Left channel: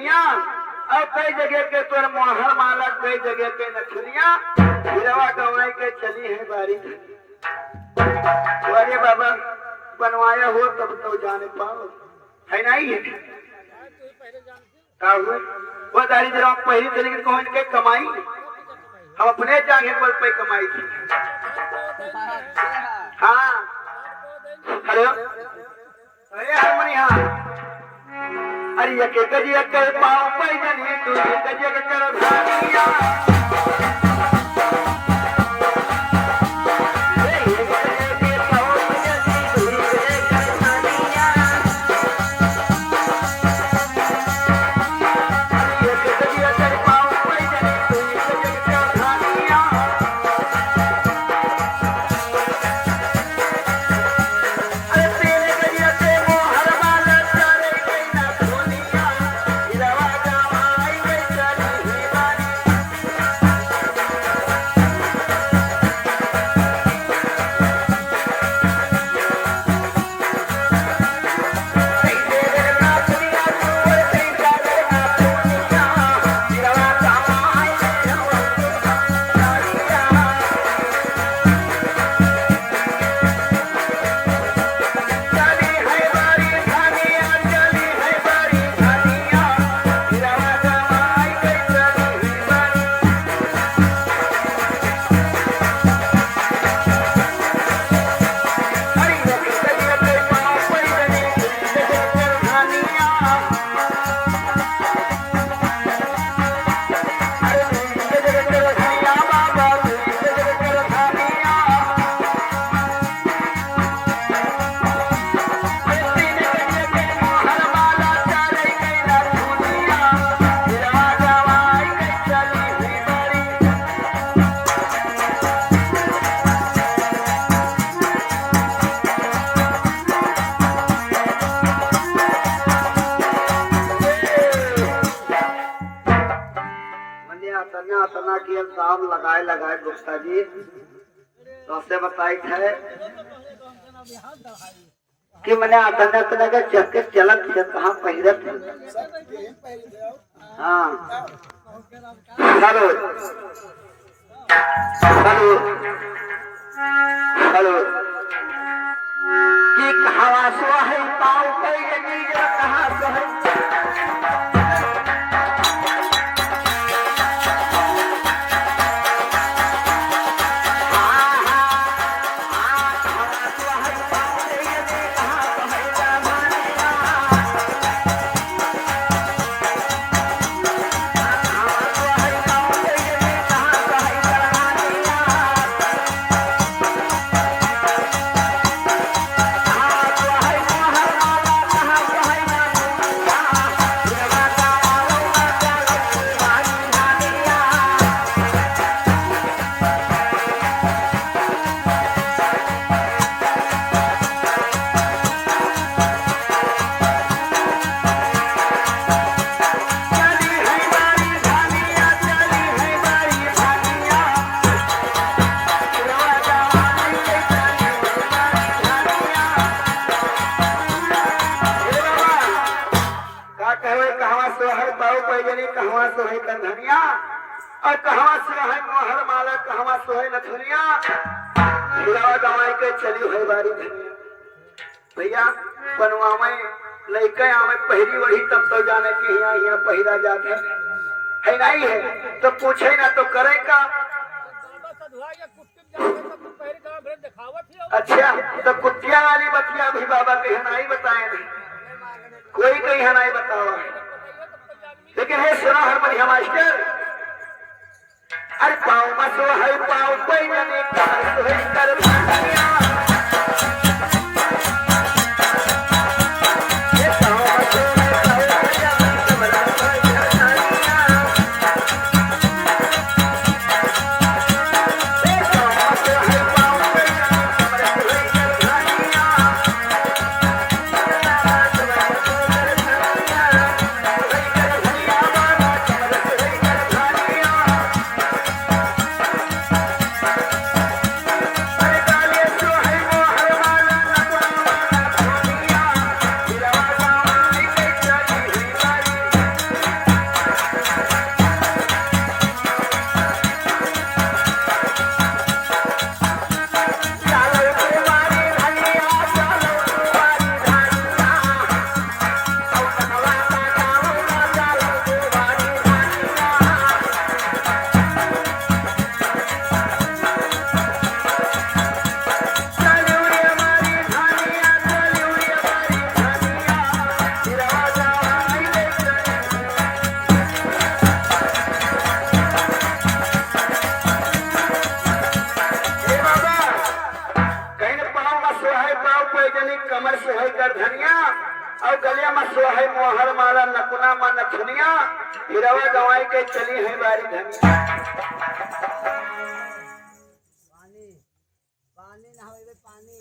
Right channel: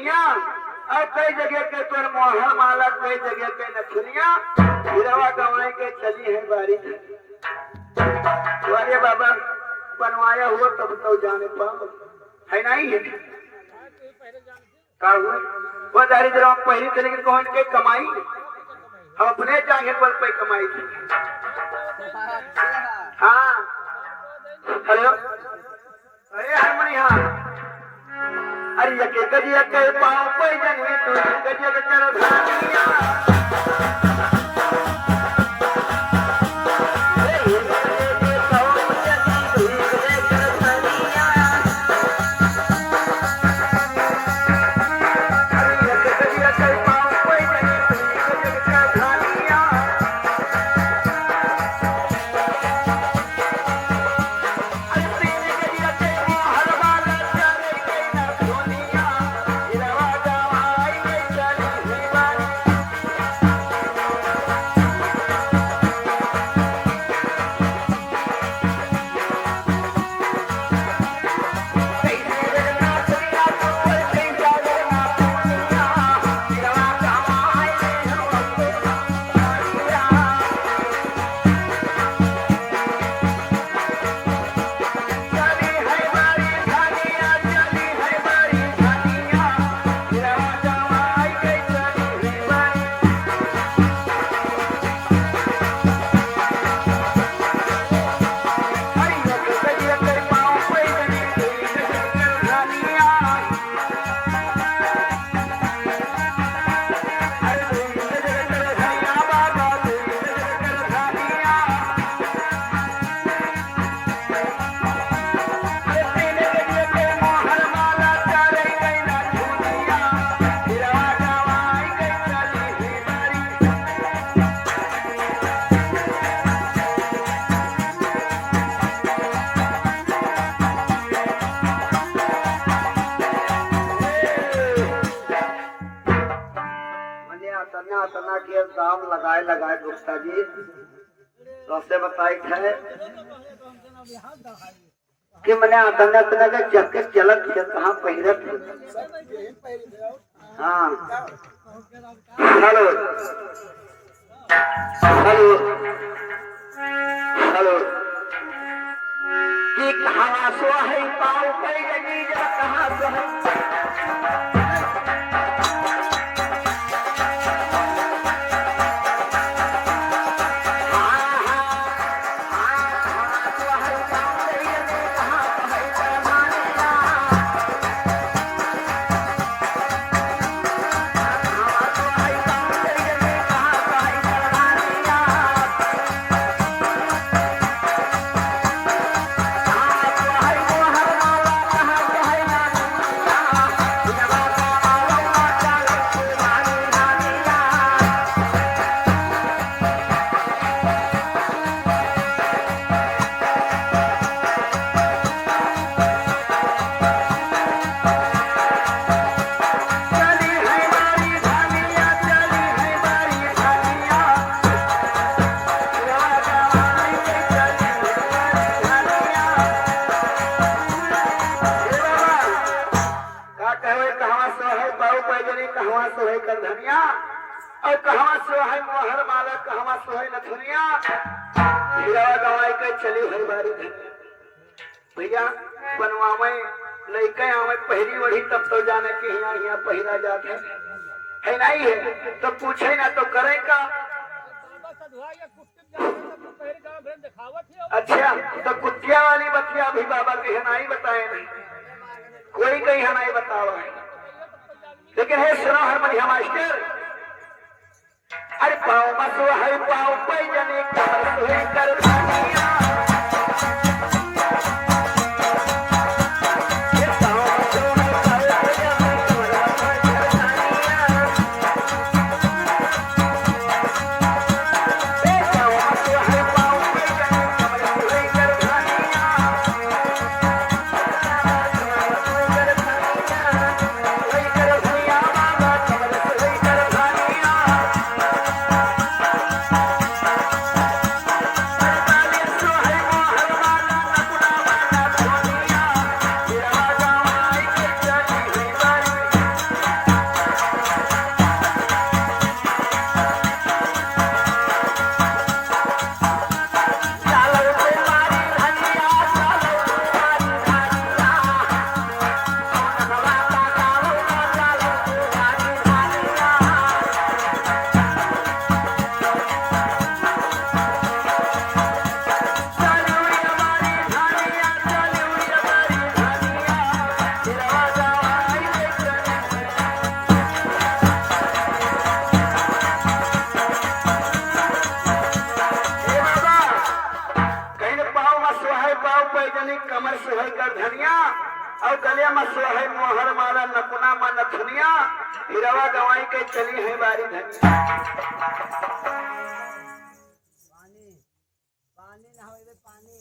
नथुनिया और कई जगह के तोर मोहर माला कई जगह के नथुनिया हिरवा गवाई के चली है बारी अरे बाबा बनवाया हो तब तो जाने पाओ है नहीं है वो दारी जरा पहली से लेकर कौन के कमाई हम अपने जागे बल पे कमाई थी हाँ अरे अरे हारमोनी हाँ अरे यके गजिया कर पाओ पे जनी तू गजिया कर भानिया दाम लगाए लगाए गुप्ता जी तो से बताई है कि मैंने अतने अतने के चक्के चलत कहाँ पहिरत हाँ हेलो हेलो हेलो कि कहाँ सो है पाँव पे गई जरा कहाँ सो है और कहाँ से है मोहर माला कहाँ से है नथुनिया हिरवा गवाई के चली है बारी भैया बनवावे लइके आवे पहली वही तब तो जाने कि यहाँ यहाँ पहला जाते है नहीं है तो पूछे ना तो करे का अच्छा तो कुटिया वाली बतिया भी बाबा के हनाई बताए नहीं कोई कहीं हनाई बतावा लेकिन है सुना हरमनिया मास्टर अरे पाँव मसो है पाँव पे जने कर भानिया कमर सोहे कर धनिया और गले में सोहे मोहर माला नकुना मा नथुनिया हिरवा गवाई के चली है बारी धनिया पानी पानी ना होइबे पानी